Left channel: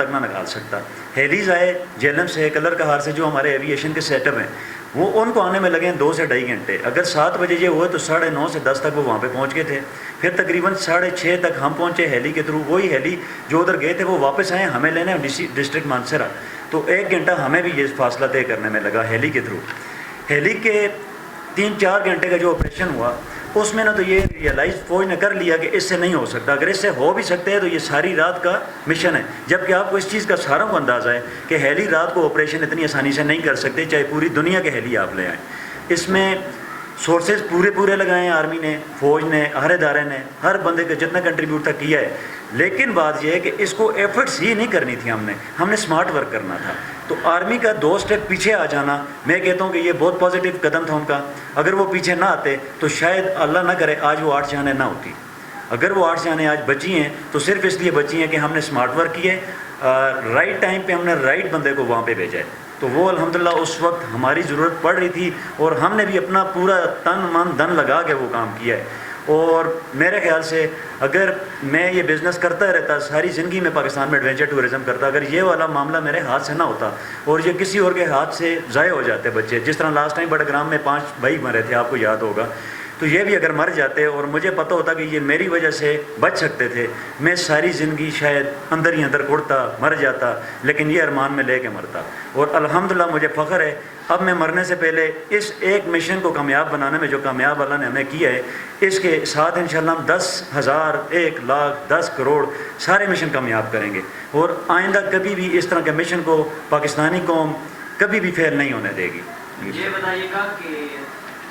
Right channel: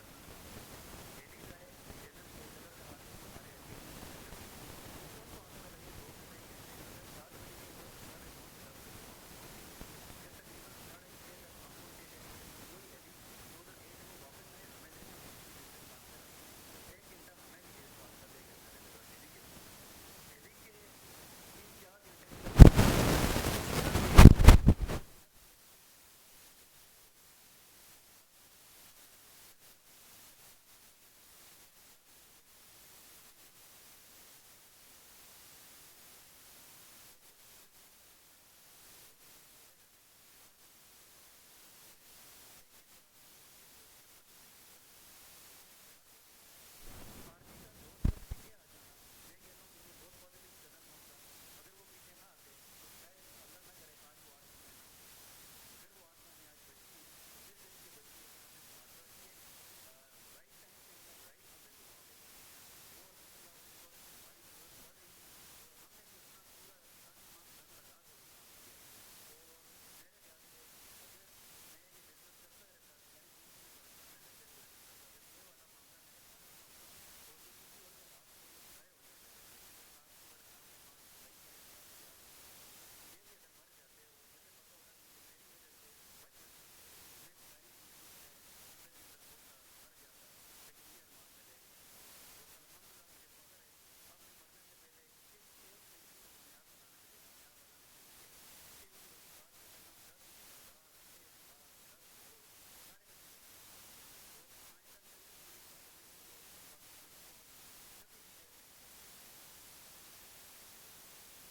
تک نہ نکال سکتا. ہیلیز آئے جیلم سے, کلر کہار سے, جو ہمارے ایویشن کے سیٹ اپ ہیں, وہ ان کو آنے میں لگے ہیں 2 سے 2.5 گھنٹے. اگر 7 بجے یہ ہوئے تو 9:30 سے 10 تک وہ وہاں پہ پہنچ گئے تھے. پھر تقریباً 6:30 تک ہم پہنچے ہیلی کے تھرو. وہی ہیلی جو ادھر گئے تھے وہ واپس آئے ہمیں لینے ڈسٹرکٹ مانسرا. تو 1 گھنٹہ ہمیں بھی یہ فاصلہ طے کرنے میں لگا ہیلی کے تھرو. ہیلی کے 3-4 گھنٹے کا جو آپریشن ہوا اس میں نہ تو یہ ریئلائز فوج نے کر لیا کہ اس سے نہیں ہو سکتا. اگر اس سے ہو بھی سکتے ہیں تو یہ ساری رات کا مشن ہے. جبکہ آپ کو اس چیز کا ساروں کو اندازہ ہے کہ ہیلی رات کو آپریشن اتنی آسانی سے نہیں کر سکتے, چاہے پوری دنیا کے ہیلی آپ لے آئیں. اس میں سورسز پورے لگائے ہیں آرمی نے, فوج نے, ہر ادارے نے, ہر بندے کا جتنا کنٹریبیوٹ تک کیا ہے. لیکن بات یہ ہے کہ اس کو ایفرٹس ہی نہیں کرنی تھی, ہم نے سمارٹ ورک کرنا تھا. تو آرمی کا 2 اسٹیپ پیچھے آ جانا, میں کہتا ہوں کہ یہ بہت پازیٹیو قدم تھا ان کا. اگر وہ پیچھے نہ آتے تو شاید اللہ نہ کرے آج وہ 8 جانیں نہ ہوتی. اگر وہ 8 جانیں آج بچی ہیں تو صرف اس لیے بچی ہیں کہ ہم نے سمارٹ ورک کیے, رائٹ ٹائم پہ ہم نے رائٹ بندے کو وہاں پہ بھیجا ہے. تو وہ الحمدللہ اس وقت ہماری ضرورت پڑ رہی تھی اور ہم نے بھی اپنا پورا تن من دھن لگا کے وہ کام کیا ہے. اور میرے خیال سے اگر میں یہ بزنس کرتا رہتا ساری زندگی میں پاکستان میں ایڈونچر ٹورزم کرتا, اگر یہ والا معاملہ میرے ہاتھ سے نہ ہوتا اور یہ کسی اور کے ہاتھ سے ضائع ہو جاتے بچے, جس طرح لاسٹ ٹائم بڑگرام میں 5 بھائی مرے تھے, آپ کو یاد ہوگا, تو یہ بھی اگر مر جاتے اور مجھے پتہ ہوتا کہ یہ میری وجہ سے بچ سکتے تھے, میں ساری زندگی شاید اندر ہی اندر کڑتا مر جاتا, لیکن یہ ارمان میں لے کے مرتا. اور الحمدللہ مجھے فخر ہے اب میں مرنے سے پہلے اس ایک مشن کو کامیاب بنانے میں جو کامیاب اللہ نے ہمیں کیا ہے, اس کے ساتھ انشاءاللہ ہم 10,000 1 لاکھ 10 کروڑ سارے مشن کامیاب کریں گے. اور آئندہ کبھی بھی اس طرح کے مشن کو پاکستانی قوم کبھی بھی فیل نہیں ہونے دے گی. یہ بتائیے گا کہ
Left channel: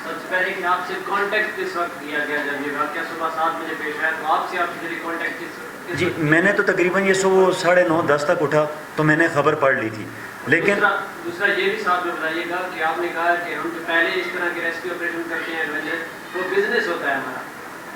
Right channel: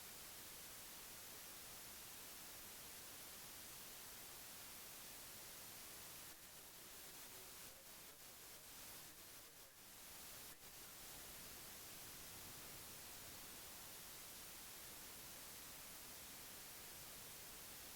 سب سے پہلے کہ آپ سے کانٹیکٹ کس وقت کیا گیا جب یہ واقعہ صبح 7 بجے پیش آیا, تو آپ سے آپ کے کانٹیکٹ کس جی میں نے تو تقریباً یہ صبح 9:30 10 تک اٹھا تو میں نے خبر پڑھ لی تھی. لیکن دوسرا یہ بھی ساتھ میں بتائیے گا کہ آپ نے کہا کہ ہم جو پہلے اس طرح کے ریسکیو آپریشن کرتے ہیں وہ بزنس ہوتا ہے ہمارا,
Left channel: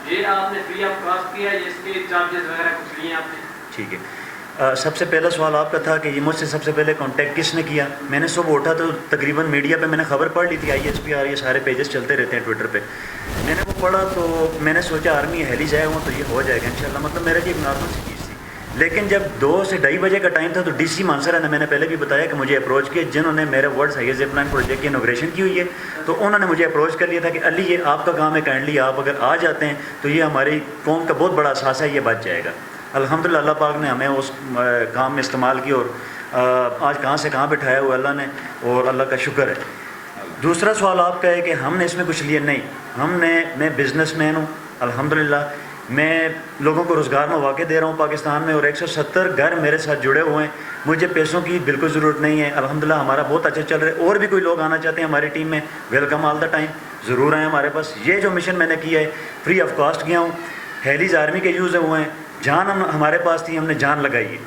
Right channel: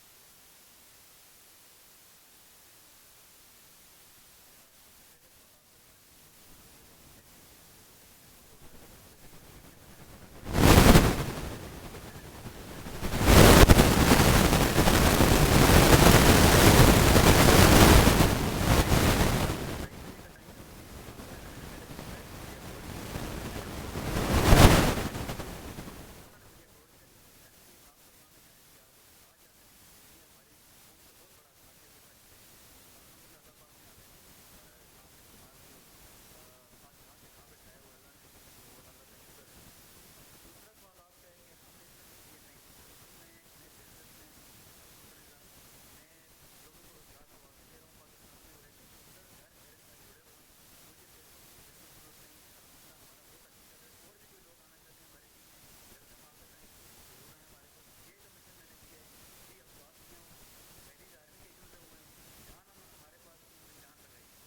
یہ آپ نے فری آف کاسٹ کیا ہے, اس کے چارجز وغیرہ کچھ لیے آپ نے؟ ٹھیک ہے. سب سے پہلا سوال آپ کا تھا کہ یہ مجھ سے سب سے پہلے کانٹیکٹ کس نے کیا. میں نے صبح اٹھا تو تقریباً میڈیا پہ میں نے خبر پڑھ لی تھی, یار یہ سارے پیجز چلتے رہتے ہیں ٹویٹر پہ. میں نے پڑھا تو میں نے سوچا آرمی ہیلی جائے وہ ہو جائے گا, مطلب میرے جو خاص. لیکن جب 2 سے 2:30 بجے کا ٹائم تھا تو ڈی سی مانسرا نے, میں نے پہلے بھی بتایا کہ مجھے اپروچ کیا, جنہوں نے میرے ورڈز ہائیز اپنا پروجیکٹ کی انوگریشن کی ہوئی ہے, تو انہوں نے مجھے اپروچ کر لیا تھا کہ علی یہ آپ کا کام ہے, کائنڈلی آپ اگر آ جاتے ہیں تو یہ ہماری قوم کا بہت بڑا اثاثہ ہے, یہ بچ جائے گا. الحمدللہ اللہ پاک نے ہمیں اس کام میں استعمال کی اور آج کہاں سے کہاں بٹھایا ہوا اللہ نے, اور اللہ کا شکر ہے. دوسرا سوال آپ کا ہے کہ ہم نے اس میں کچھ لیا. نہیں, میں بزنس مین ہوں الحمدللہ, میں لوگوں کو روزگار مواقع دے رہا ہوں پاکستان میں, اور 170 گھر میرے ساتھ جڑے ہوئے ہیں. مجھے پیسوں کی بالکل ضرورت نہیں ہے الحمدللہ, ہمارا بہت اچھا چل رہا ہے. اور بھی کوئی لوگ آنا چاہتے ہیں ہماری ٹیم میں, ویلکم آل دا ٹائم, ضرور آئیں ہمارے پاس. یہ جو مشن میں نے کیا ہے فری آف کاسٹ کیا ہوں. ہیلیز آرمی کے یوز ہوئے ہیں, جان ہمارے پاس تھی, ہم نے جان لگائی ہے.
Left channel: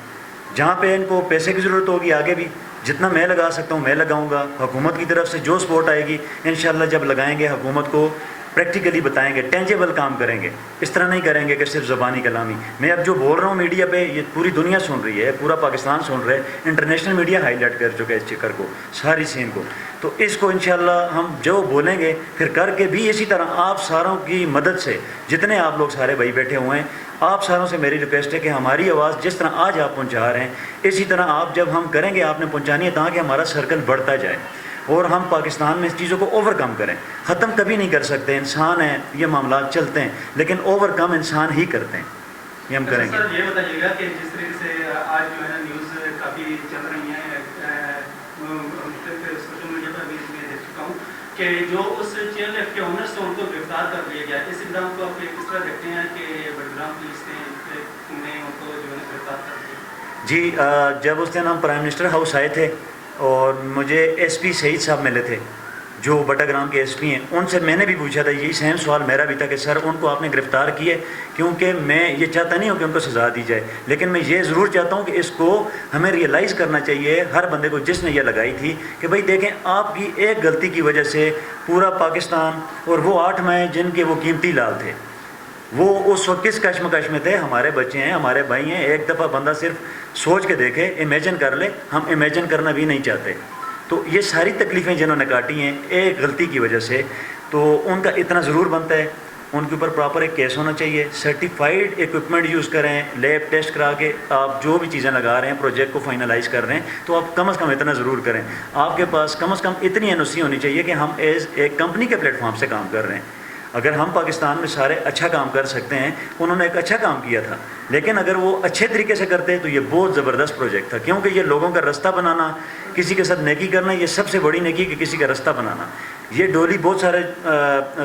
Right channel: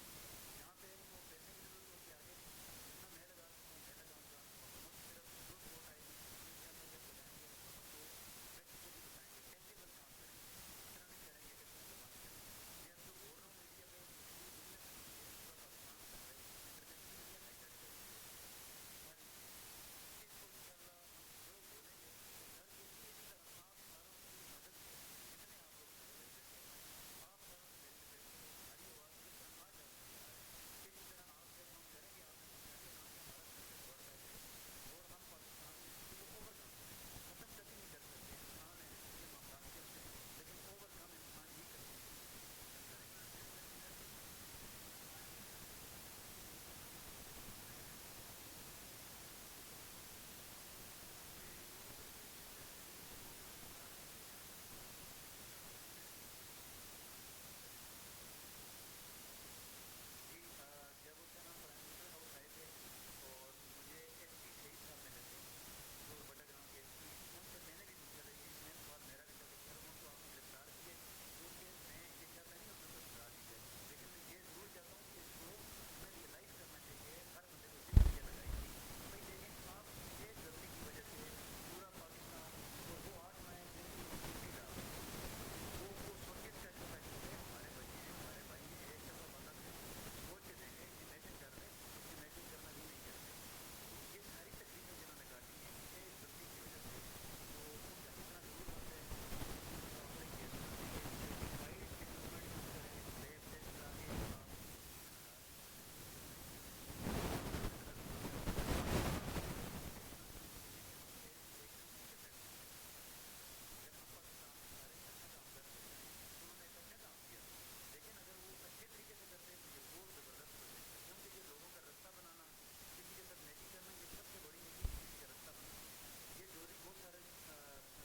جہاں پہ ان کو پیسے کی ضرورت ہوگی آگے بھی جتنا میں لگا سکتا ہوں میں لگاؤں گا. حکومت کی طرف سے جو سپورٹ آئے گی انشاءاللہ جب لگائیں گے حکومت کو پریکٹیکلی بتائیں گے, ٹینجیبل کام کریں گے. اس طرح نہیں کریں گے کہ صرف زبانی کلامی. میں اب جو بول رہا ہوں میڈیا پہ یہ پوری دنیا سن رہی ہے, پورا پاکستان سن رہا ہے, انٹرنیشنل میڈیا ہائی لائٹ کر چکا ہے اس چکر کو, ساری سین کو. تو اس کو انشاءاللہ ہم جو بولیں گے پھر کر کے بھی اسی طرح آپ ساروں کی مدد سے, جتنے آپ لوگ سارے بھائی بیٹھے ہوئے ہیں, آپ ساروں سے میری ریکویسٹ ہے کہ ہماری آواز جس طرح آج آپ پہنچا رہے ہیں اسی طرح آپ جب ہم کریں گے آپ نے پہنچانی ہے, تاکہ ہمارا سرکل بڑھتا جائے اور ہم پاکستان میں اس چیزوں کو اوور کم کریں. ختم کبھی نہیں کر سکتے, انسان ہیں, یہ معاملات چلتے ہیں, لیکن اوور کم انسان ہی کرتے ہیں. یہ ہم کریں گے. سر یہ بتائیے گا کہ جس طریقے سے آج جو ہے نا نیوز کافی چل رہی ہیں, سوشل میڈیا پر بھی میں دیکھ چکا ہوں کہ جو اس چیئر لفٹ کے اونرز تھے ان کو گرفتار کر لیا گیا. اس اقدام کو آپ کس طرح دیکھتے ہیں کہ بڑگرام پولیس نے ان کو جو ہے گرفتار کر دیا؟ جی جب اس دن ہم پرائم منسٹر ہاؤس آئے تھے اور مجھے ایس پی سعید صاحب ملے تھے جو بٹاگرام کے ایس پی ہیں, ان سے میں نے بھی پوچھا تھا, یہی سیم سوال میرا بھی تھا کہ سر ان کو آپ نے گرفتار کیے, کیونکہ میں یہ چاہتا نہیں ہوں کہ ان کو سزا دی جائے, لیکن میں یہ ضرور چاہتا ہوں کہ اس کو ہمیں ریئلائز کرنا چاہیے ہر بندے کو جس نے یہ لگائی تھی کہ بھائی دیکھیں آپ کی ایک غلطی کی وجہ سے پورا پاکستان اور وہ 8 مائیں جن کے وہ قیمتی لال تھے وہ اس وقت کس کشمکش میں تھے. ہمارے بچے ہیں, ہمارے بھائی ہیں, ایک دفعہ بندہ صرف سوچ کے دیکھے, امیجن کر لے. ہم امیجن کرنا بھی نہیں چاہتے. تو یہ ساری تکلیفیں جنہوں نے کاٹی ہیں ایک غلطی کی وجہ سے, تو ان کا اتنا ضرور بنتا ہے ان کے اوپر پراپر ایک کیس ہونا چاہیے, سرٹیفائڈ ایکوپمنٹ یوز کریں, لیب ٹیسٹ کرا کے آپ جو بھی چیزیں لگا رہے ہیں پروجیکٹ کو فائنلائز کر رہے ہیں, تو آپ کم از کم اتنا ضرور کریں. آپ کے پاس کم از کم اتنی NOC ہونی چاہیے کہ ہم ایز ایک کمپنی کے پلیٹ فارم سے کام کر رہے ہیں. اگر ہم پاکستان میں سارے اچھا کام کر سکتے ہیں, انہوں نے ایک اچھا کام کیا تھا, لیکن اگر وہ اچھے طریقے سے کرتے تو یہ بہت زبردست پروجیکٹ تھا, کیونکہ یہ لوگوں کا راستہ بنانا, کسی کے ساتھ نیکی کرنا, یہ سب سے بڑی نیکی کہ کسی کا راستہ بنانا. یہ ڈولی بہت سارے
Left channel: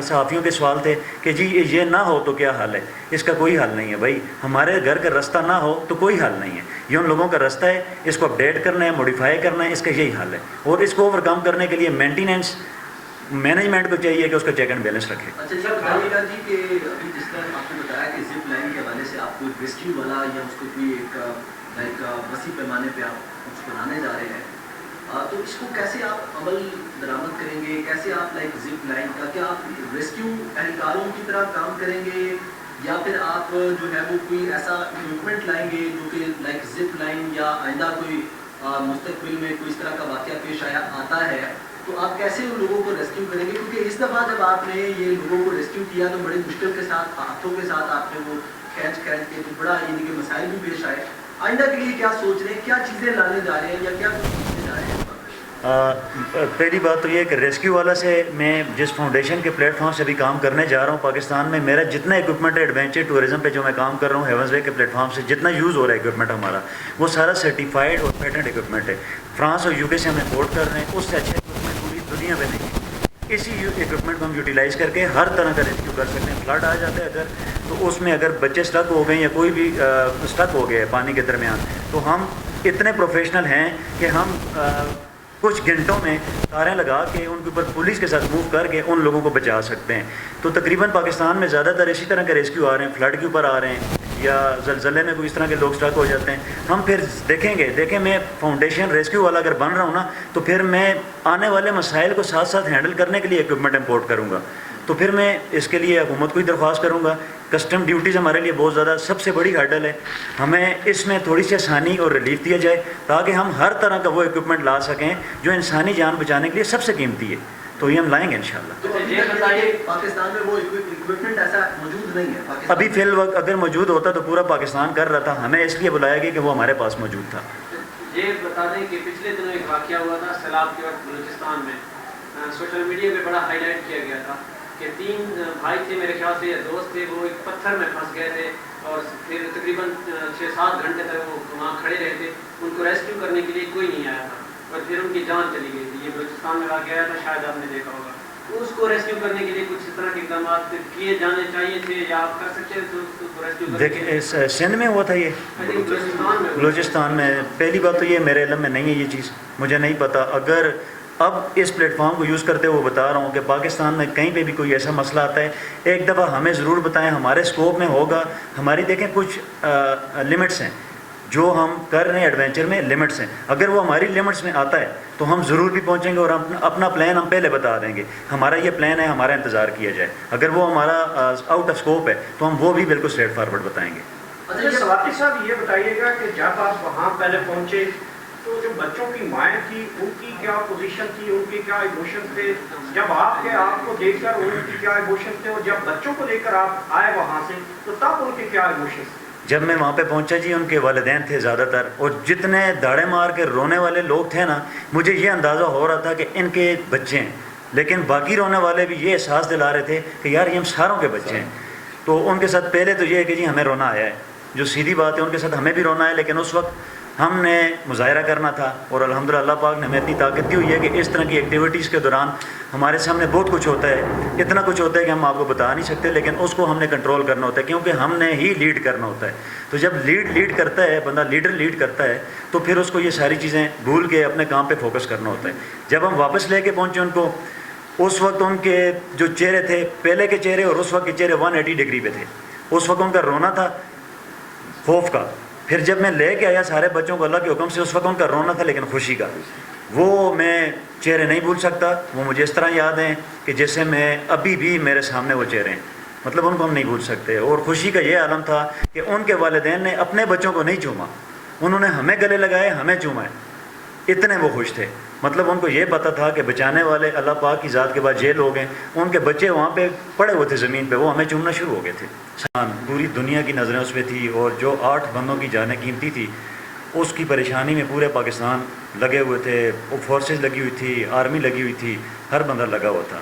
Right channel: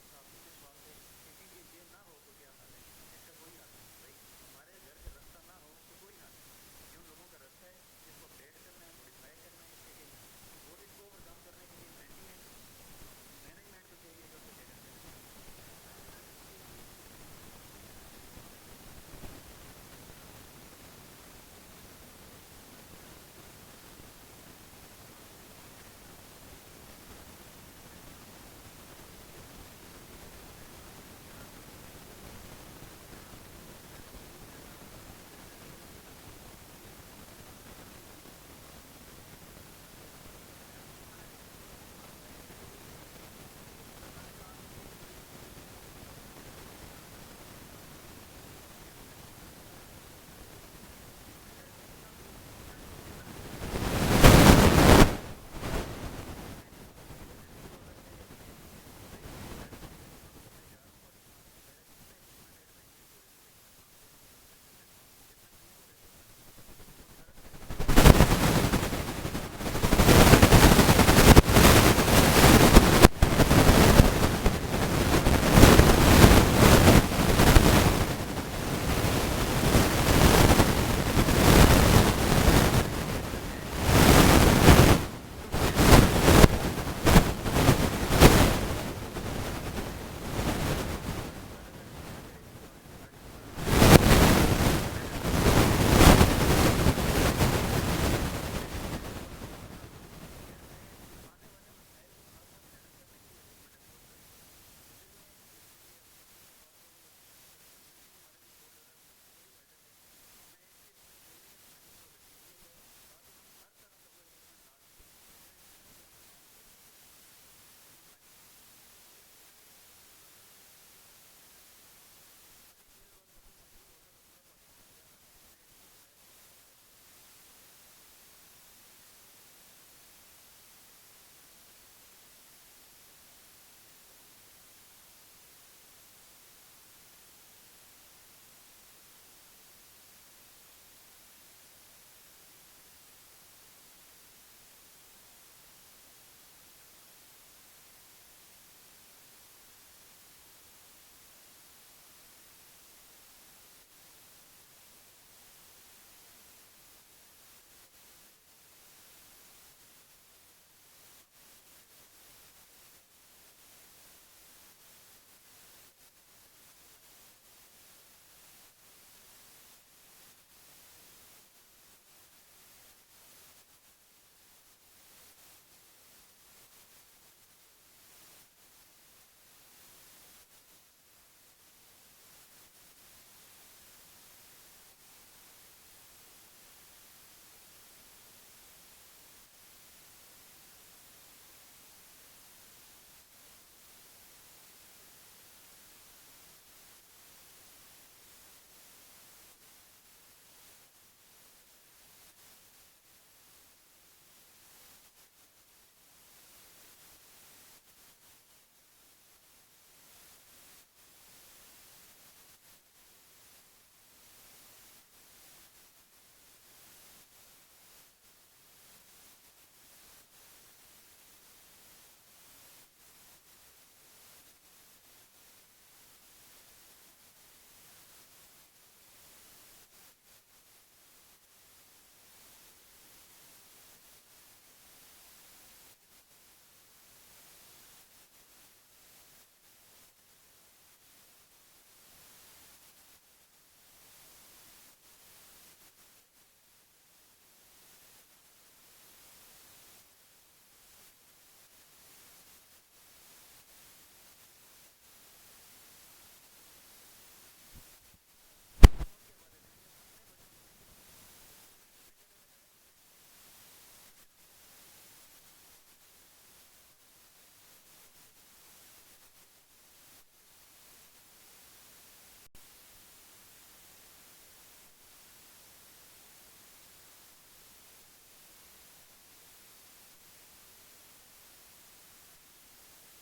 صحافیوں کے سوال تھے کہ جی یہ نہ ہو تو کیا حال ہے. اس کا کوئی حل نہیں ہے بھائی, ہمارے گھر کا راستہ نہ ہو تو کوئی حل نہیں ہے. یہ ان لوگوں کا راستہ ہے, اس کو اپڈیٹ کرنا ہے, موڈیفائی کرنا ہے, اس کا یہی حل ہے. اور اس کو اوور کم کرنے کے لیے مینٹیننس مینجمنٹ کو چاہیے کہ اس کا چیک اینڈ بیلنس رکھے. اچھا جی بتائیے گا جی کہ ابھی جس طرح آپ نے بتایا کہ زپ لائن کے حوالے سے آپ کو ایک ریسکیو والا یا اس کو کوئی ایک لائک وسیع پیمانے پہ آپ کچھ بنانے جا رہے ہیں, تو اس کو کیسے آپ عمل درآمد کریں گے, کیسے آپ لائک زپ لائن کا کیا آپ ریسکیو اہلکاروں کی طرح کام کریں گے, یا پھر آپ جو ہے وہ کوئی ایسا اکوپمنٹ لائیں گے جو کہ لائک زپ لائن یا آئندہ کوئی مستقبل میں کوئی اس طرح کا واقعہ پیش آتا ہے تو آپ کیسے ان لوگوں کو ریسکیو کریں گے؟ کیونکہ اس دفعہ جب آپ نے یہ لوگوں کو ریسکیو کیا تو بڑی مشکل کے ساتھ, ہاتھوں کے ساتھ آپ نے وہ کھینچ کے تو بڑا یعنی کہ مسائل بھی پیش آئے. آئندہ کے لیے کیا سوچ رہے ہیں, کیا چیزیں لانے جا رہے ہیں یا کیا؟ پہلی بات تو یہ کہ ریسکیو والا سے میں جس فاؤنڈیشن کے پلیٹ فارم سے بھی کام کرنے جا رہا ہوں پاکستان میں, میرا جتنا اکوپمنٹ ہے ایڈونچر ٹورزم پہ جو میں کام کر رہا ہوں ہیونز وے کے پلیٹ فارم سے جتنا یوز ہو رہا ہے اکوپمنٹ ہمارا, وہ سارا سرٹیفائڈ اور پیٹنٹ اکوپمنٹ ہے. فرانس اور UK سے ہم امپورٹ کر رہے ہیں, اس سے اس اکوپمنٹ کو یوٹیلائز کر کے ہر طرح کا کارڈ آ جاتا ہے. اگر اس میں اگر بچے سلک ہو گئے یا کوئی بھی سلک ہو گیا پانی کے درمیان, تو ہم اتنے پروفیشنل ہیں کہ ہم کچھ گھنٹوں میں کاریں لگا کے ان کے اوپر پولیس کے ساتھ موو کر کے ان لوگوں کو بچا سکتے ہیں. تو تقریباً پاکستان میں زیادہ تر اسی طرح کے ریسکیو آ رہے ہیں, فلڈ کے اوپر آ رہے ہیں یا زلزلے میں کوئی اس طرح کے لوگ سٹک ہو جاتے ہیں. ہم پھر دیکھیں میں فاؤنڈیشن ریسکیو والا اگر بن رہا ہوں نا, تو پھر میں آنے والے مسائل کو ساتھ ساتھ ہینڈل کرنے کے لیے اکوپمنٹ امپورٹ کروں گا. تو پھر میں اس کے لیے حکومت کو ہی درخواست کروں گا. کسٹم ڈیوٹیز ہمارے لیے بہت زیادہ سب سے بڑی ہرڈل ہے, ہمیں اس میں تھوڑی سی آسانی اور ریلیف دیا جائے تاکہ ہم ہر طرح کا وہ اکوپمنٹ لا سکیں جو انسانی جان بچانے کے لیے سب سے قیمتی ہے. تو یہ ہم لائیں گے انشاءاللہ. تو پاکستان میں وہ اکوپمنٹ ایسا موجود نہیں ہے ابھی فی الوقت, اگر موجود ہوتا تو پورا پاکستان کر رہا تھا. ہمیں اس لیے بلایا گیا کہ وہ ہمارے پاس موجود تھا. یہ بتا دیں کہ پچھلے دنوں ایک واقعہ ہوا تھا سیلاب کے وقت بلوچستان میں, سوشل میڈیا پہ بڑا ہائی لائٹ کیا گیا تھا کہ 3 بھائی تھے میرے خیال سے یا دوست تھے, وہ ایک پتھر میں پھنس گئے تھے اور پھر تقریباً 6-7 گھنٹے تک وہ وہاں کھڑے رہے تھے. ان کو ریسکیو کرنے کے لیے کوئی نہیں آیا تھا اور پھر ان کی جان چلی گئی تھی. یہ بلوچستان میں واقعہ آیا تھا, شاید آپ نے دیکھا ہوگا. اس کو ریسکیو کرنے کے لیے کچھ اس طرح کے اقدامات کیے جانے چاہیے تھے یا آپ کر سکتے ہیں؟ دیکھیں سندھ میں ہوا تھا, یہ بلوچستان میں. پہلی بات تو یہ میرے علم میں نہیں ہے, یہ چیز مجھے نہیں پتہ. اگر اب اس پلیٹ فارم کو یوز کرتے ہوئے بتا رہا ہوں کہ پاکستان میں کہیں پہ بھی کوئی ایسا مسئلہ آتا ہے, ایک دفعہ ہمیں ضرور بتائیں, ہمارے اسکوپ میں ہوگا. ہماری دیکھیں کچھ لمٹس ہیں جو ہم کر رہے ہیں ایڈونچر میں, لمٹس ہیں. اگر وہ ہماری لمٹس میں آتا ہے تو ہم ضرور بھی پہنچیں گے اور اپنا پلان ہم پہلے بتا دیں گے. ہمارا یہ پلان ہے, ہمارا انتظار کیا جائے. اگر وہ ہمارا آؤٹ آف اسکوپ ہے تو ہم وہ بھی بالکل اسٹریٹ فارورڈ بتائیں گے. اچھا سواتی صاحب یہ بتائیے گا کہ جب آپ وہاں پہلے پہنچے تو جو بچوں کی مائیں تھی ان کی کیا پوزیشن تھی, ان کے کیا ایموشن تھے, جب آپ کو دیکھ کر ان کی کیا ایموشن تھے, اور جب بچوں کو دیکھ کر آپ آئے وہاں سے تو تب ان کے کیا ایموشن تھے؟ جب میں وہاں پہ پہنچا جی, ان کے والدین تھے زیادہ تر, اور جتنے داڑے مار کے رونے والے لوگ تھے نا, مجھے یہ اندازہ ہو رہا تھا کہ ان کے بچے ہیں. لیکن باقی رونے والے بھی یہ احساس دلا رہے تھے کہ یار یہ ہم ساروں کے بچے ہیں. تو ان کے ساتھ پہلے تو یہ ہے کہ جی ہمیں رونا آیا ہے, جو سیدھی بات ہے, ان کے ساتھ ہمیں بھی رونا ہے. لیکن اس وقت ہم نے مظاہرہ کرنا تھا, اور الحمدللہ اللہ پاک نے ہمیں اتنی طاقت دی ہوئی ہے کہ اس طرح کی ایکٹیویٹیز کے دوران ہمارے سامنے بہت کچھ ہوتا ہے. اتنا کچھ ہوتا ہے کہ ہم آپ کو بتا نہیں سکتے, لیکن اس کو ہم نے کنٹرول کرنا ہوتا ہے کیونکہ ہم نے ہی لیڈ کرنا ہوتا ہے. تو جب لیڈ کرتا ہے بندہ, لیڈر لیڈ کرتا ہے, تو پھر اس کو یہ ساری چیزیں بھول کے اپنے کام پہ فوکس کرنا ہوتا ہے. جب ہم واپس لے کے پہنچے ان کو, اس وقت ان کے جو چہرے تھے, پہلے کے چہرے اور اس وقت کے چہرے 180 ڈگری پہ تھے. اس وقت ان کا رونا تھا خوف کا. پھر جب میں لے کے آیا سارے بچوں کو اللہ کے حکم سے, اس وقت ان کا رونا تھا لیکن خوشی کا. وہ میں چہرے نہیں بھول سکتا. وہ مجھے اس طرح یاد ہیں کہ جیسے میں ابھی بھی میرے سامنے وہ چہرے ہیں, مطلب ان کو ہم نہیں بھول سکتے. اور خوشی کا یہ عالم تھا کہ ان کے والدین نے اپنے بچوں کو نہیں چوما, انہوں نے ہمیں گلے لگائے, ہمیں چوما ہے. اتنے وہ خوش تھے. مطلب ان کو یہ پتہ تھا کہ بچانے والے اللہ پاک کی ذات کے بعد یہ لوگ ہیں. ان کے بچے وہاں پہ پڑے ہوئے تھے زمین پہ, وہ ہمیں چومنا شروع ہو گئے تھے. پوری دنیا کی نظریں اس پہ تھی, اور جو 8 بندوں کی جانیں قیمتی تھی, اس کی پریشانی میں پورے پاکستان لگے ہوئے تھے. فورسز لگی ہوئی تھی, آرمی لگی ہوئی تھی, ہر بندہ لگا ہوا تھا.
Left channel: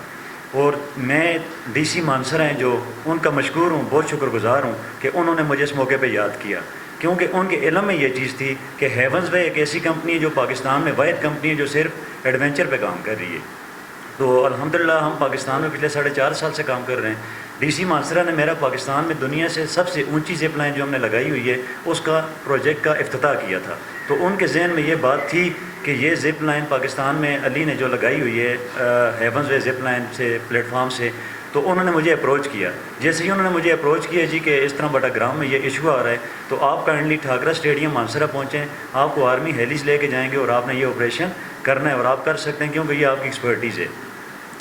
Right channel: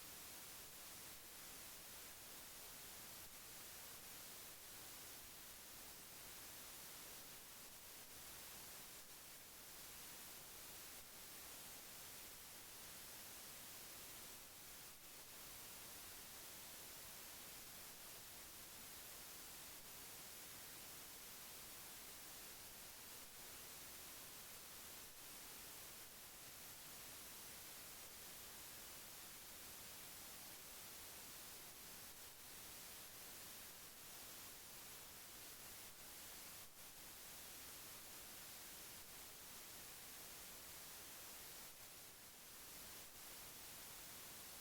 اور میں ڈی سی مانسر ہیں جو ان کا مشکور ہوں, بہت شکر گزار ہوں کہ انہوں نے مجھے اس موقع پہ یاد کیا, کیونکہ ان کے علم میں یہ چیز تھی کہ ہیونز وے ایک ایسی کمپنی ہے جو پاکستان میں واحد کمپنی ہے جو صرف ایڈونچر پہ کام کر رہی ہے. تو الحمدللہ ہم پاکستان میں پچھلے 4.5 سال سے کام کر رہے ہیں. ڈی سی مانسرا نے میرا پاکستان میں دنیا سے سب سے اونچی زپ لائن جو ہم نے لگائی ہوئی ہے اس کا پروجیکٹ کا افتتاح کیا تھا. تو ان کے ذہن میں یہ بات تھی کہ یہ زپ لائن پاکستان میں علی نے جو لگائی ہوئی ہے ہیونز وے زپ لائن سے پلیٹ فارم سے, تو انہوں نے مجھے اپروچ کیا. جیسے ہی انہوں نے مجھے اپروچ کیا جی کہ اس طرح بٹا گرام میں یہ ایشو آ رہا ہے, تو آپ کائنڈلی ٹھاکرا اسٹیڈیم مانسرا پہنچیں, آپ کو آرمی ہیلیز لے کے جائیں گے اور آپ نے یہ آپریشن کرنا ہے اور آپ کر سکتے ہیں کیونکہ یہ آپ کی ایکسپرٹیز ہے.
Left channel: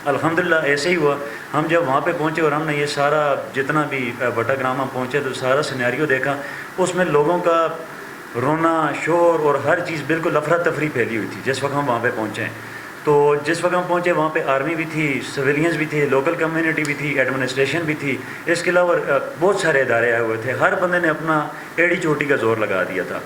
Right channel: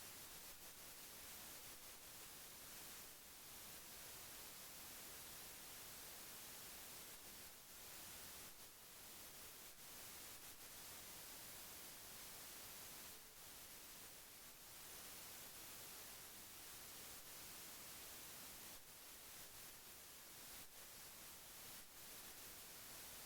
الحمدللہ ایسے ہی ہوا. ہم جب وہاں پہ پہنچے اور ہم نے یہ سارا جتنا بھی بٹا گرام ہم پہنچے تو سارا سینیریو دیکھا, اس میں لوگوں کا رونا, شور اور ہر چیز بالکل افراتفری پھیلی ہوئی تھی جس وقت ہم وہاں پہ پہنچے ہیں. تو جس وقت ہم پہنچے وہاں پہ آرمی بھی تھی, سویلینز بھی تھے, لوکل کمیونٹی بھی تھی, ایڈمنسٹریشن بھی تھی, اس کے علاوہ بہت سارے ادارے آئے ہوئے تھے. ہر بندے نے اپنا ایڑی چوٹی کا زور لگا دیا تھا.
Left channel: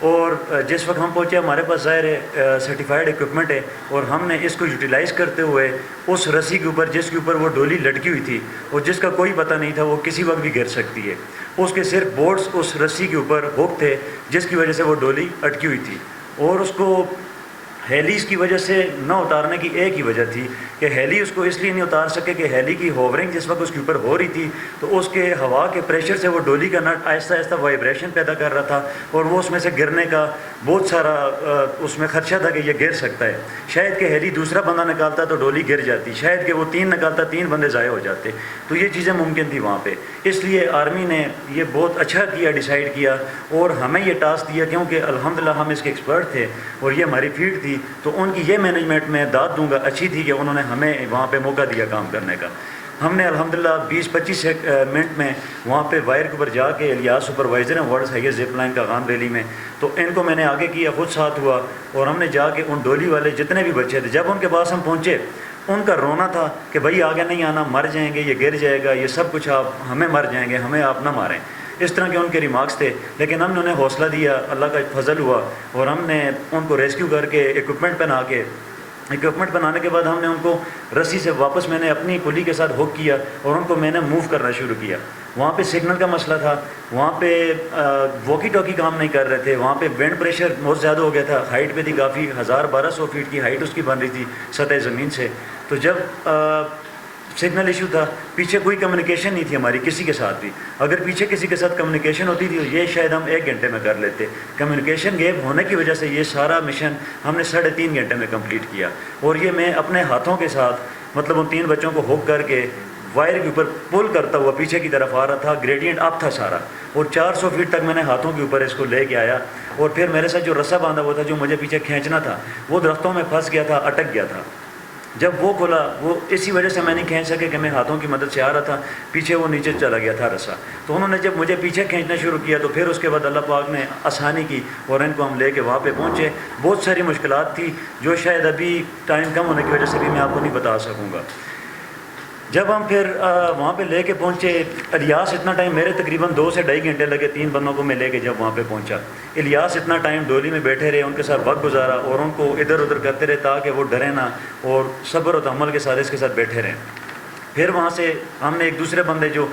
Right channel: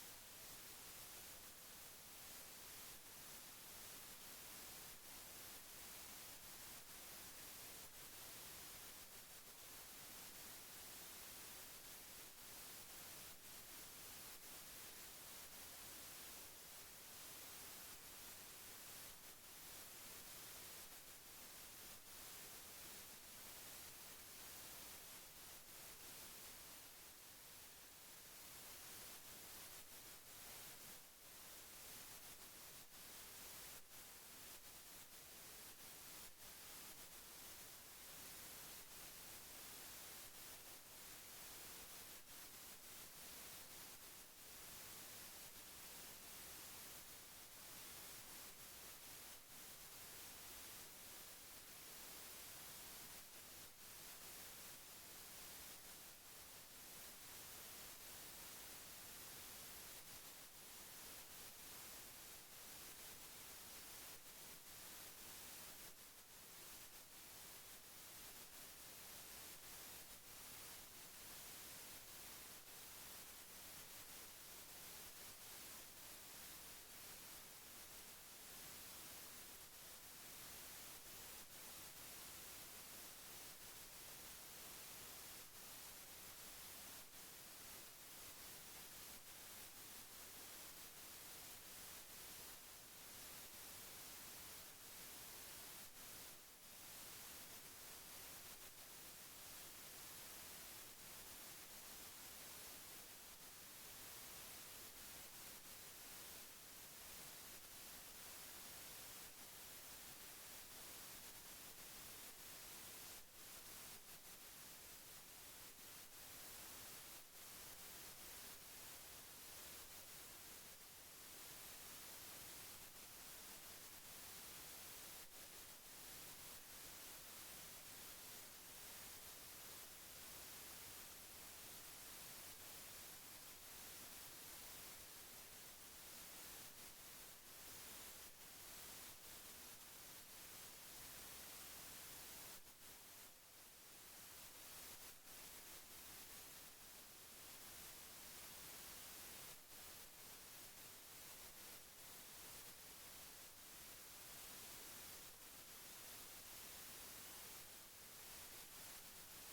اور جس وقت ہم پہنچے ہمارے پاس ظاہر ہے سرٹیفائڈ ایکوپمنٹ ہے, اور ہم نے اس کو یوٹیلائز کرتے ہوئے اس رسی کے اوپر جس کے اوپر وہ ڈولی لٹکی ہوئی تھی اور جس کا کوئی پتہ نہیں تھا وہ کسی وقت بھی گر سکتی ہے, اس کے صرف بورڈز اس رسی کے اوپر ہوک تھے جس کی وجہ سے وہ ڈولی اٹکی ہوئی تھی. اور اس کو ہیلیز کی وجہ سے نہ اتارنے کی ایک ہی وجہ تھی کہ ہیلی اس کو اس لیے نہیں اتار سکے کہ ہیلی کی ہوورنگ جس وقت اس کے اوپر ہو رہی تھی تو اس کے ہوا کے پریشر سے وہ ڈولی کا نٹ آہستہ آہستہ وائبریشن پیدا کر رہا تھا, اور وہ اس میں سے گرنے کا بہت سارا اس میں خدشہ تھا کہ یہ گر سکتا ہے. شاید کہ ہیلی دوسرا بندہ نکالتا تو ڈولی گر جاتی, شاید کہ وہ 3 نکالتا 3 بندے ضائع ہو جاتے. تو یہ چیزیں ممکن تھی وہاں پہ. اس لیے آرمی نے یہ بہت اچھا کیا, ڈیسائیڈ کیا اور ہمیں یہ ٹاسک دیا, کیونکہ الحمدللہ ہم اس کے ایکسپرٹ تھے اور یہ ہماری فیلڈ تھی. تو ان کی یہ مینجمنٹ میں داد دوں گا اچھی تھی کہ انہوں نے ہمیں وہاں پہ موقع دیا کام کرنے کا. ہم نے الحمدللہ 20-25 منٹ میں وہاں پہ وائر کے اوپر جا کے, الیاس سپروائزر ہیں ورلڈ ہائیسٹ زپ لائن کا غام ریلی میں, تو ان کو میں نے آگے کیا, خود ساتھ ہوا, اور ہم نے جا کے ان ڈولی والے جتنے بھی بچے تھے جب ان کے پاس ہم پہنچے ان کا رونا تھا کہ بھائی آگے نہیں آنا, مر جائیں گے, یہ گر جائے گا, یہ سب کچھ آپ ہمیں مر جائیں گے, ہمیں آپ نہ ماریں. اس طرح کے ان کے ریمارکس تھے. لیکن ہم نے انہیں حوصلہ دیا, اللہ کا فضل ہوا, اور ہم نے ان کو ریسکیو کر کے ایکوپمنٹ بنانے کے بعد ہم نے ان کو رسی سے واپس میں نے اپنی پلی کے ساتھ ہوک کیا اور ان کو میں نے موو کرنا شروع کیا. وہاں پہ سگنل کا مسئلہ تھا, وہاں پہ واکی ٹاکی کام نہیں کر رہے تھے, وہاں پہ وینڈ پریشر بہت زیادہ ہو گیا تھا, ہائٹ پہ تھی کافی, 1200 فیٹ کی ہائٹ اس کی بن رہی تھی سطح زمین سے. تو جب سگنل ایشو تھا, پیچھے کوئی کمیونیکیشن نہیں تھی ہماری کسی کے ساتھ بھی. اگر پیچھے کسی کے ساتھ کمیونیکیشن ہوتی تھی یہ شاید ہم 1 گھنٹے میں کر لیتے. کمیونیکیشن گیپ ہونے کی وجہ سے یہ سارا مشن ہم نے 3.5 گھنٹے میں کمپلیٹ کیا. اور یہ میں اپنے ہاتھوں کے ساتھ مطلب ان 3 بچوں کو ہوک کر کے وائر کے اوپر پل کرتا ہوا پیچھے کی طرف آ رہا تھا. گریڈینٹ اپ تھا سارا, اور 400 فیٹ تک میں نے ہاتھوں کے اوپر اس کو لے کے آیا. اور پھر میرے ساتھ جو رسا باندھا ہوا تھا جو مجھے پیچھے کھینچنا تھا وہ درختوں میں پھنس گیا تھا, اٹک گیا تھا. جب وہ کھلا وہ اسی وجہ سے میں نہیں کھینچ سکے کہ میں ہاتھوں کی مدد سے آ رہا تھا, پیچھے وہ نیچے چلا گیا تھا رسا. تو انہوں نے جب مجھے پیچھے کھینچنا شروع کیا تو پھر اس کے بعد اللہ پاک نے آسانی کی اور ان کو ہم لے کے وہاں پہ پہنچے. بہت ساری مشکلات تھی جو شاید ابھی ٹائم کم ہونے کی وجہ سے بھی میں آپ کو نہیں بتا سکوں گا. جب ہم پھر وہاں پہ لے کے پہنچے, الیاس اتنا ٹائم میرے تقریباً 2 سے 2.5 گھنٹے لگے 3 بندوں کو میں لے کے جب وہاں پہ پہنچا. الیاس اتنا ٹائم ڈولی میں بیٹھے رہے, ان کے ساتھ وقت گزارا اور ان کو ادھر ادھر کرتے رہے تاکہ وہ ڈرے نہ اور صبر و تحمل کے ساتھ اس کے ساتھ بیٹھے رہیں. پھر وہاں سے ہم نے ایک دوسرے بندے جو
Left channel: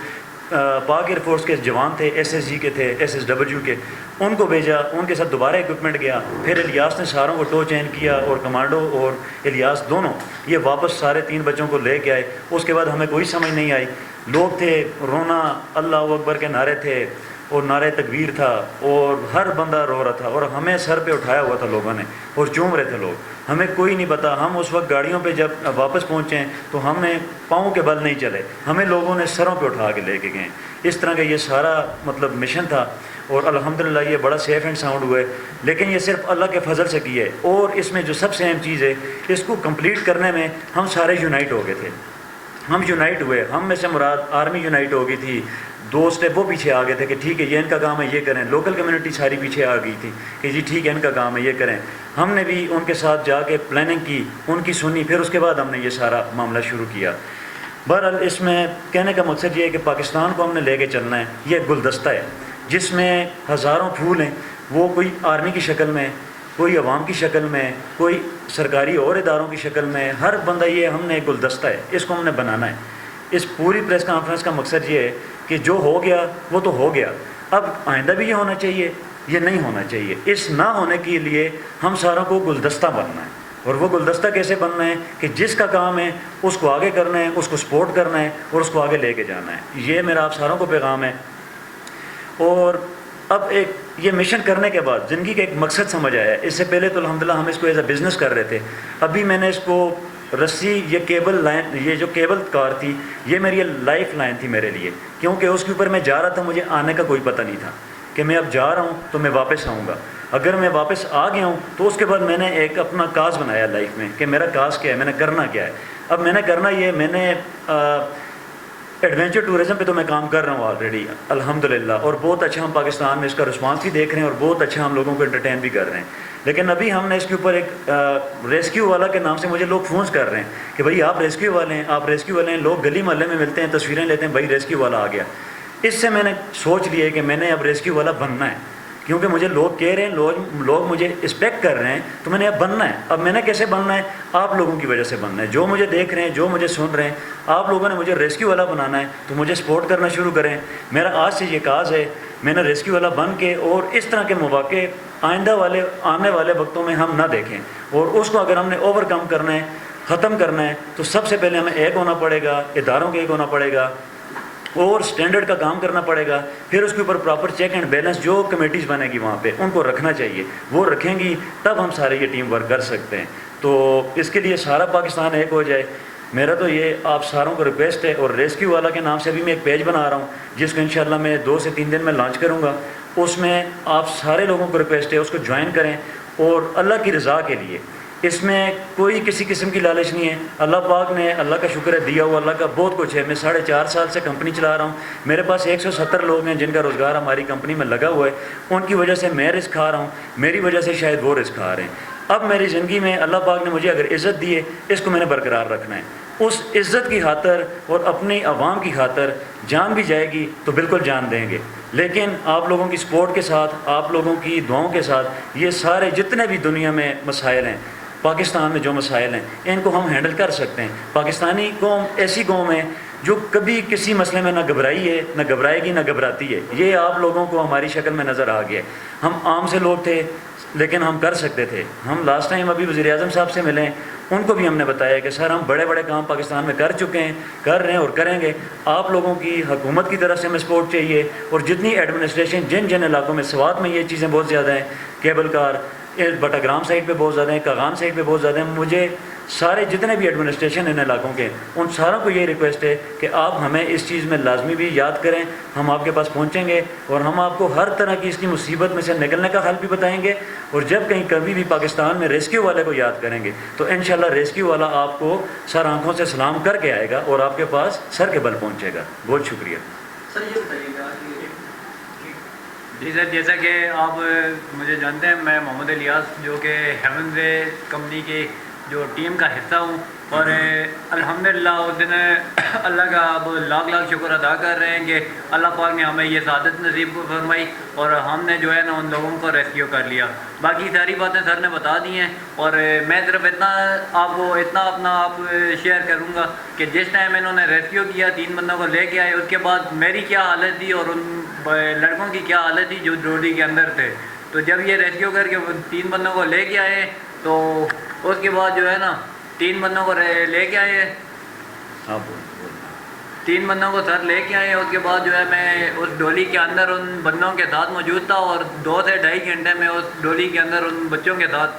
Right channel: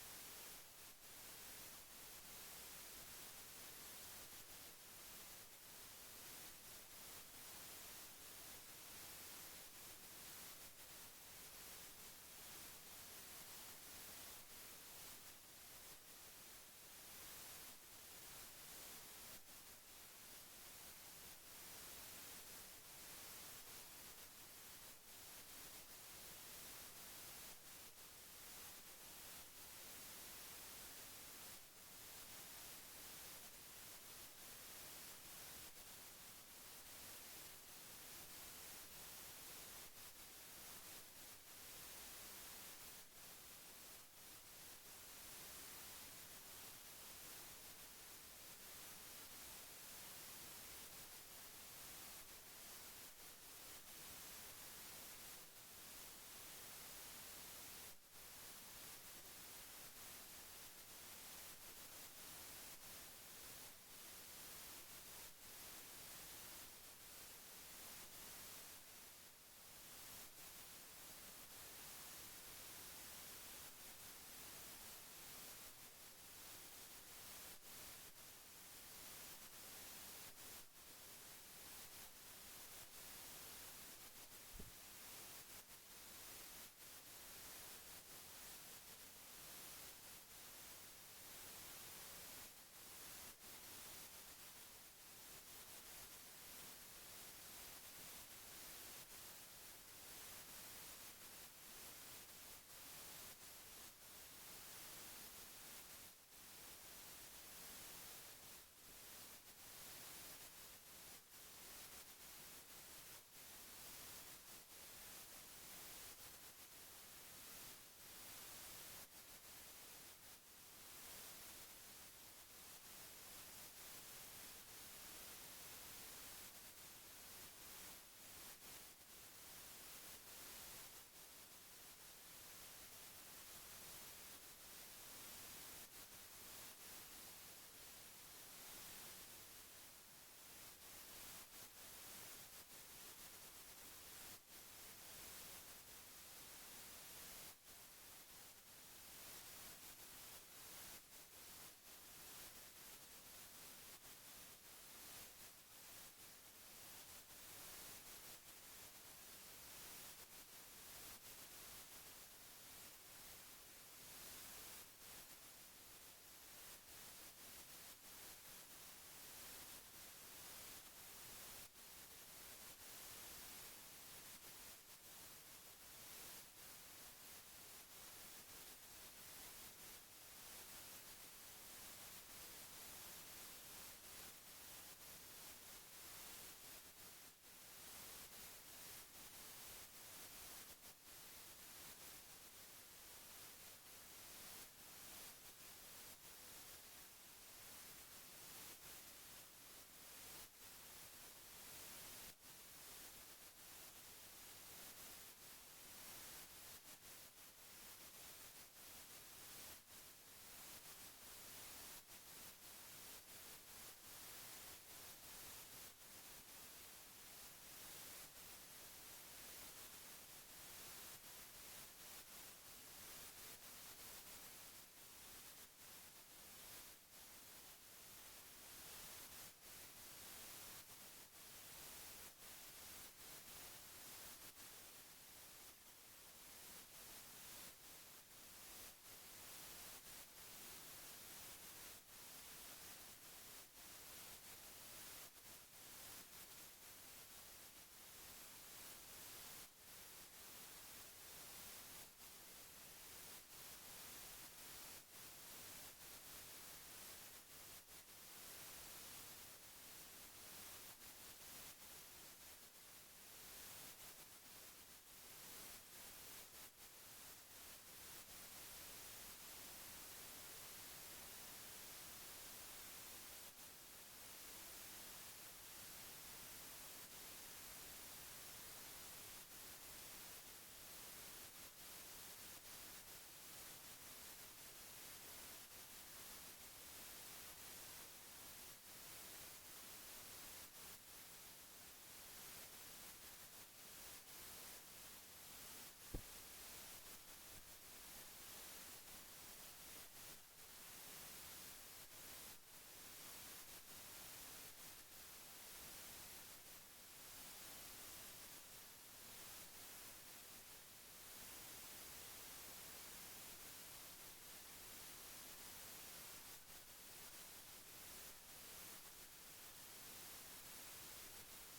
پاک ایئر فورس کے جوان تھے, SSG کے تھے, SSW کے, ان کو بھیجا, ان کے ساتھ دوبارہ ایکوپمنٹ گیا. پھر الیاس نے ساروں کو ٹو چین کیا اور کمانڈو اور الیاس دونوں یہ واپس سارے 3 بچوں کو لے کے آئے. اس کے بعد ہمیں کوئی سمجھ نہیں آئی, لوگ تھے, رونا, اللہ اکبر کے نعرے تھے اور نعرہ تکبیر تھا اور ہر بندہ رو رہا تھا, اور ہمیں سر پہ اٹھایا ہوا تھا لوگوں نے اور چوم رہے تھے لوگ. ہمیں کوئی نہیں پتا, ہم اس وقت گاڑیوں پہ جب واپس پہنچے تو ہم نے پاؤں کے بل نہیں چلے, ہمیں لوگوں نے سروں پہ اٹھا کے لے کے گئے. اس طرح کا یہ سارا مطلب مشن تھا, اور الحمدللہ یہ بڑا سیف اینڈ ساؤنڈ ہوئے. لیکن یہ صرف اللہ کے فضل سے کی ہے, اور اس میں جو سب سے اہم چیز ہے اس کو کمپلیٹ کرنے میں ہم سارے یونائٹ ہو گئے تھے. ہم یونائٹ ہوئے, ہم میں سے مراد آرمی یونائٹ ہو گئی تھی, دوست ہے وہ پیچھے آ گئے تھے کہ ٹھیک ہے یہ ان کا کام ہے یہ کریں. لوکل کمیونٹی ساری پیچھے آ گئی تھی کہ جی ٹھیک ہے ان کا کام ہے یہ کریں. ہم نے بھی ان کے ساتھ جا کے پلاننگ کی, ان کی سنی, پھر اس کے بعد ہم نے یہ سارا معاملہ شروع کیا. بہرحال اس میں کہنے کا مقصد یہ ہے کہ پاکستان کو ہم نے لے کے چلنا ہے. یہ ایک گلدستہ ہے جس میں ہزاروں پھول ہیں, وہ کوئی آرمی کی شکل میں, کوئی عوام کی شکل میں, کوئی سرکاری اور اداروں کی شکل میں, ہر بندہ یہ ہم نے ایک گلدستہ ہے, اس کو ہم نے بنانا ہے. اس پوری پریس کانفرنس کا مقصد یہ ہے کہ جو ہو گیا وہ تو ہو گیا, اب آئندہ بھی یہ ہونا چاہیے, یہ نہیں ہونا چاہیے. اس نہ ہونے کے لیے ہم ساروں کو گلدستہ بننا ہے. اور وہ گلدستہ کیسے بننا ہے کہ جس کا کام ہے اس کو آگے کرنا ہے, اس کو سپورٹ کرنا ہے اور اس کو آگے لے کے جانا ہے. یہ میرا آپ ساروں کو پیغام ہے. اور اب ایک یہ مشن کرنے کے بعد زندگی کا ایک مقصد سمجھ آیا ہے. اس سے پہلے تو الحمدللہ ہم اس کو ایز اے بزنس کر رہے تھے. ابھی میں نے اس کو رسی, یہ کیبل لائن, یہ جو کیبل کار تھی یہ میری لائف لائن تھی میرے لیے, کیونکہ اس کے اوپر میں جا رہا تھا, مجھے آنے کا کوئی پتہ نہیں تھا کہ میں اب جا رہا ہوں تو میں واپس آؤں گا. اگر میں واپس آ گیا ہوں تو اس کے بعد میں نے ایک اپنا کاز بنایا لائف میں کہ میرا کاز کیا ہے, میں نے کرنا کیا ہے. اب میں نے کرنا یہ, میں نے ایڈونچر ٹورزم پہ تو میں کام کر رہا ہوں آلریڈی الحمدللہ, اور بہت اچھا ہم پاکستان میں اس کا رسپانس بھی دیکھ رہے ہیں اور بہت اچھا ہم لوگوں کو انٹرٹین بھی کر رہے ہیں. لیکن ابھی ہم نے اس کے اوپر ایک ریسکیو والا کے نام سے مجھے لوگ فونس کر رہے ہیں کہ بھائی آپ ریسکیو والے ہیں, آپ ریسکیو والے ہیں. لوگ گلی محلے میں ملتے ہیں, تصویریں لیتے ہیں, بھائی ریسکیو والا آ گیا. اس سے میں نے سوچ لیا کہ میں نے اب ریسکیو والا بننا ہے, کیونکہ مجھے لوگ کہہ رہے ہیں, لوگ مجھے اسپیکٹ کر رہے ہیں, تو میں نے اب بننا ہے. اب میں نے کیسے بننا ہے؟ آپ لوگوں کی وجہ سے بننا ہے, جو مجھے دیکھ رہے ہیں, جو مجھے سن رہے ہیں. آپ لوگوں نے مجھے ریسکیو والا بنانا ہے تو مجھے سپورٹ کرنا شروع کریں. میرا آج سے یہ کاز ہے, میں نے ریسکیو والا بن کے, اور اس طرح کے مواقع آنے والے وقتوں میں ہم نہ دیکھیں. اور اس کو اگر ہم نے اوور کم کرنا ہے, ختم کرنا ہے, تو سب سے پہلے ہمیں ایک ہونا پڑے گا, اداروں کے ایک ہونا پڑے گا, اور سٹینڈرڈ کا کام کرنا پڑے گا. پھر اس کے اوپر پراپر چیک اینڈ بیلنس جو کمیٹیز بنے گی وہاں پہ ان کو رکھنا چاہیے, وہ رکھیں گی تب ہم سارے یہ ٹیم ورک کر سکتے ہیں. تو اس کے لیے سارا پاکستان ایک ہو جائے. میرا تو یہ آپ ساروں کو ریکویسٹ ہے. اور ریسکیو والا کے نام سے بھی میں ایک پیج بنا رہا ہوں جس کو انشاءاللہ میں 2 سے 3 دن میں لانچ کروں گا. اس میں آپ سارے لوگوں کو ریکویسٹ ہے اس کو جوائن کریں, اور اللہ کی رضا کے لیے. اس میں کوئی کسی قسم کی لالچ نہیں ہے. اللہ پاک نے, اللہ کا شکر ہے, دیا ہوا اللہ کا بہت کچھ ہے. میں 4.5 سال سے کمپنی چلا رہا ہوں. میرے پاس 170 لوگ ہیں جن کا روزگار ہماری کمپنی میں لگا ہوا ہے. ان کی وجہ سے میں رزق کھا رہا ہوں, میری وجہ سے شاید وہ رزق کھا رہے ہیں. اب میری زندگی میں اللہ پاک نے مجھے اگر عزت دی ہے, اس کو میں نے برقرار رکھنا ہے. اس عزت کی خاطر اور اپنی عوام کی خاطر جان بھی جائے گی تو بالکل جان دیں گے. لیکن آپ لوگوں کی سپورٹ کے ساتھ, آپ لوگوں کی دعاؤں کے ساتھ, یہ سارے جتنے بھی دنیا میں مسائل ہیں, پاکستان میں جو مسائل ہیں, ان کو ہم ہینڈل کر سکتے ہیں. پاکستانی قوم ایسی قوم ہے جو کبھی کسی مسئلے میں نہ گھبرائی ہے, نہ گھبرائے گی, نہ گھبراتی ہے. یہ آپ لوگوں کو ہماری شکل میں نظر آ گیا. ہم عام سے لوگ تھے لیکن ہم کر سکتے تھے. ہم لاسٹ ٹائم ابھی وزیر اعظم صاحب سے ملیں, ان کو بھی ہم نے بتایا کہ سر ہم بڑے بڑے کام پاکستان میں کر چکے ہیں, کر رہے ہیں اور کریں گے. آپ لوگوں کی حکومت کی طرف سے ہمیں سپورٹ چاہیے. اور جتنی ایڈمنسٹریشن جن علاقوں میں, سوات میں یہ چیزیں بہت زیادہ ہیں, کیبل کار بٹاگرام سائڈ پہ بہت زیادہ ہیں, کاغان سائڈ پہ بہت زیادہ ہیں. مجھے سارے جتنے بھی ایڈمنسٹریشن ان علاقوں کے, ان ساروں کو یہ ریکویسٹ ہے کہ آپ ہمیں اس چیز میں لازمی بھی یاد کریں. ہم آپ کے پاس پہنچیں گے اور ہم آپ کو ہر طرح کی اس کی مصیبت میں سے نکلنے کا حل بھی بتائیں گے. اور جب کہیں کبھی بھی پاکستان میں ریسکیو والے کو یاد کریں گے تو انشاءاللہ ریسکیو والا آپ کو سر آنکھوں سے سلام کر کے آئے گا اور آپ کے پاس سر کے بل پہنچے گا. بہت شکریہ. سر یہ بتائیے گا کہ جی سر, جیسا کہ آپ مجھے جانتے ہیں, میں محمد الیاس جو کہ ہیونز کمپنی کی جو ٹیم کا حصہ ہوں. اور الحمدللہ اس دن اللہ کا اب لاکھ لاکھ شکر ادا کر رہے ہیں کہ اللہ پاک نے ہمیں یہ سعادت نصیب فرمائی اور ہم نے جو ہے نا ان لوگوں کو ریسکیو کر لیا. باقی ساری باتیں سر نے بتا دی ہیں. اور میں صرف اتنا آپ کو اپنا آپ شیئر کروں گا کہ جس ٹائم انہوں نے ریسکیو کیا, 3 بندوں کو لے کے آئے, اس کے بعد میری کیا حالت تھی اور ان لڑکوں کی کیا حالت تھی جو ڈولی کے اندر تھے. تو جب یہ ریسکیو کر کے 3 بندوں کو لے کے آئے تو اس کے بعد جو ہے نا 3 بندوں کو لے کے آئے, 3 بندوں کو سر لے کے آئے. اس کے بعد جو ہے میں اس ڈولی کے اندر ان بندوں کے ساتھ موجود تھا اور 2 سے 2.5 گھنٹے میں اس ڈولی کے اندر ان بچوں کے ساتھ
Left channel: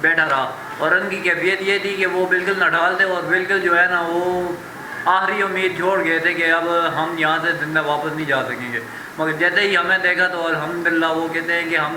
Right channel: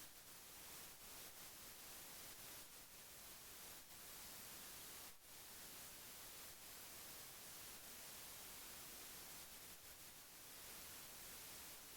بیٹھا رہا. اور ان کی کیفیت یہ تھی کہ وہ بالکل نڈال تھے اور بالکل جو ہے نا وہ آخری امید چھوڑ گئے تھے کہ اب ہم یہاں سے زندہ واپس نہیں جا سکیں گے. مگر جیسے ہی ہمیں دیکھا تو الحمدللہ وہ کہتے ہیں کہ ہم